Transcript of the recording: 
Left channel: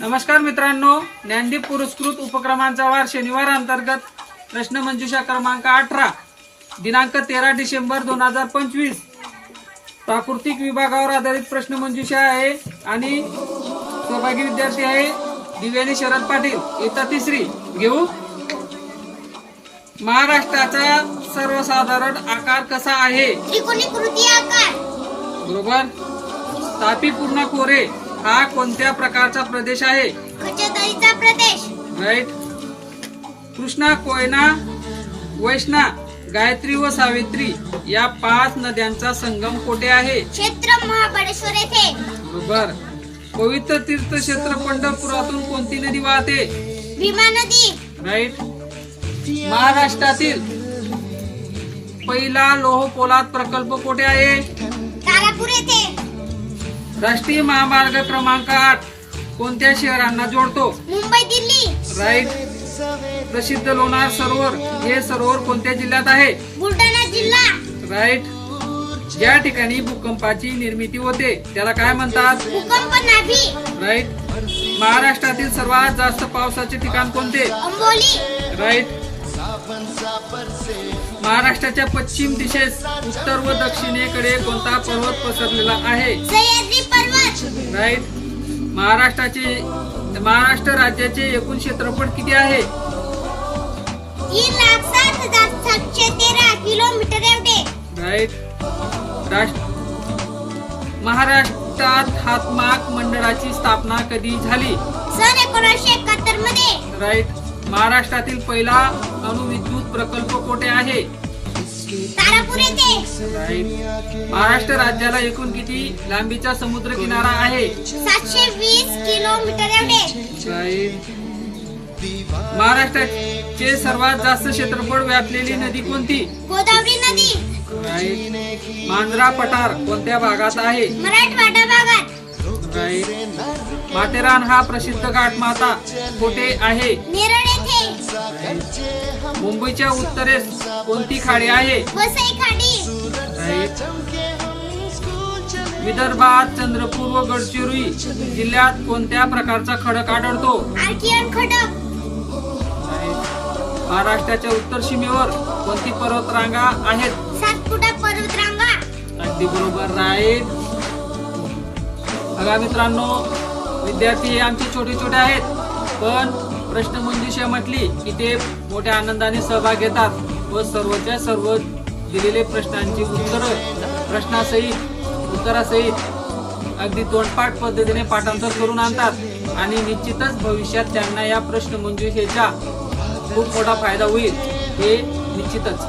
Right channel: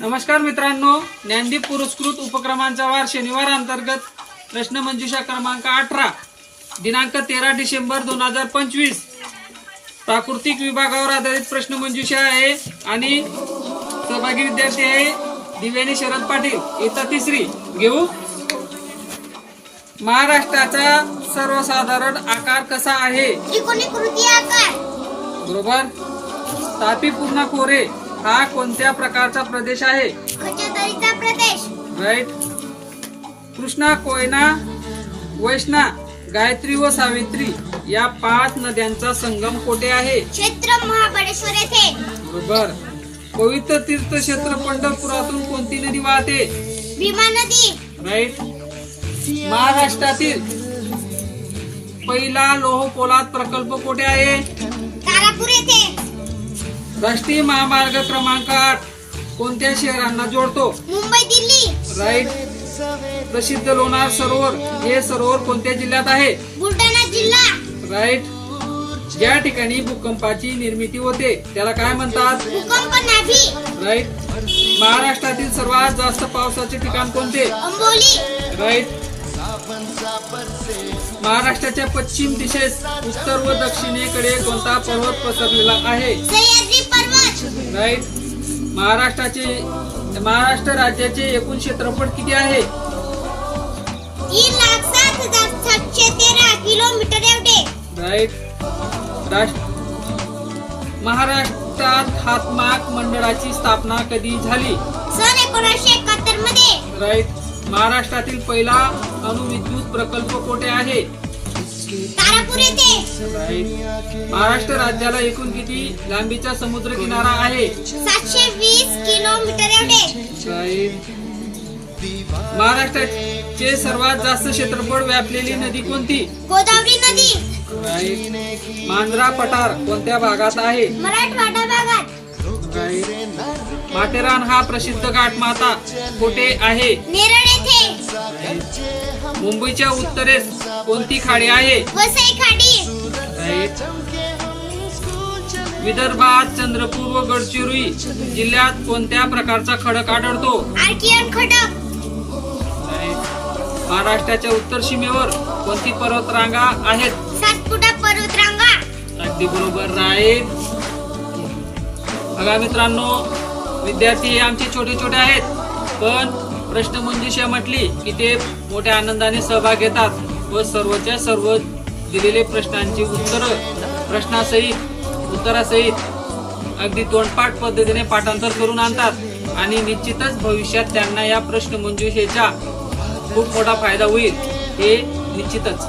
नमस्कार मित्रांनो, ज्ञानदीप पुरस्कृत उपक्रमांचा वार शनिवार अंतर्गत प्रश्नमंजुषा क्रमांक 18 दिनांक 13 डिसेंबर 2025 प्राकृतिक विभागावर आधारित प्रश्नमंजुषा आहे आणि सहभागी विद्यार्थी आहे दिव्यानी शरद पाटील। इयत्ता तिसरी घेऊ। महाराष्ट्राचा सर्वसाधारण आकार कसा आहे? त्रिकोणीकृती आकार। बरोबर। तापी पूर्ण खोरे हा कोणत्या प्रकारचा प्रदेश आहे? खचदरीचा प्रदेश। राईट। कृष्णा, कोयना, वैष्णा, गायत्री व सावित्री या 5 नद्यांचा संगम कोठे आहे? क्षेत्र महाबळेश्वर येथे। बरोबर। पवित्र तीर्थक्षेत्र पंढरपुरातून कोणती नदी वाहते? भीमा नदी। राईट। महाराष्ट्रातील पहिला लोह पोलाद प्रकल्प कोठे आहे? तारापूर येथे। राष्ट्रीय महामार्ग क्रमांक 8 कोणत्या शहरांना जोडतो? मुंबई, दिल्ली। राईट। प्रसिद्ध लोणार सरोवर हे सरोवर कोणत्या जिल्ह्यात आहे? बुलढाणा जिल्हा। राईट। ज्या ठिकाणी भूकंपाची निर्मिती होते त्याला काय म्हणतात? भूकंप नाभी। राईट। महाराष्ट्रातील सर्वात जास्त पावसाचे ठिकाण कोणते? अंबोली। राईट। महाराष्ट्राच्या पश्चिम दिशेस उत्तर व दक्षिणेकडे कोणता पर्वत पसरलेला आहे? सह्याद्री पर्वत। राईट। महाराष्ट्र राज्याचे एकूण क्षेत्रफळ किती आहे? 3,07,713 किलोमीटर एवढे। राईट। महाराष्ट्रात हातमाग मंडळाची स्थापना कधी झाली? सन 1971 मध्ये। राईट। महाराष्ट्रातील पहिला अणुविद्युत प्रकल्प कोठे आहे? तारापूर येथे। राईट। महाराष्ट्र राज्याला एकूण किती लांबीचा समुद्र किनारा आहे? 720 किलोमीटर एवढे। राईट। महाराष्ट्राचे सर्वात जास्त क्षेत्रफळ व्यापलेली नदी कोणती? गोदावरी नदी। राईट। मांजरा पठार कोणत्या भागात आहे? मराठवाडा भागात। राईट। माथेरान हा प्रसिद्ध घाटमाता कोठे आहे? नेरळ येथे। मुंबईच्या उत्तरेस कोणती खाडी आहे? वसई खाडी। राईट। विदर्भात चंद्रपूर व गडचिरोली जिल्ह्यात कोणत्या प्रकारचा खडक आढळतो? आर्कियन खडक। राईट। महाराष्ट्राच्या उत्तर सीमेवर कोणती पर्वतरांगा आहेत? सातपुडा पर्वतरांगा। अगदी बरोबर। राईट। बघा मित्रांनो, विद्यार्थी आमचे छोटे छोटे आहेत पण प्रश्नमंजुषा म्हटली की ते मोठ्या आनंदाने सहभाग घेतात व सर्वच्या सर्व दिलेले प्रश्नांची उत्तरासहित अगदी तोंडपाठ पद्धतीने पाठांतर करून आणतात आणि निश्चितच भविष्यात त्यांना या प्रश्नमंजुषेचा खूप मोठा फायदा होईल हे निश्चितच।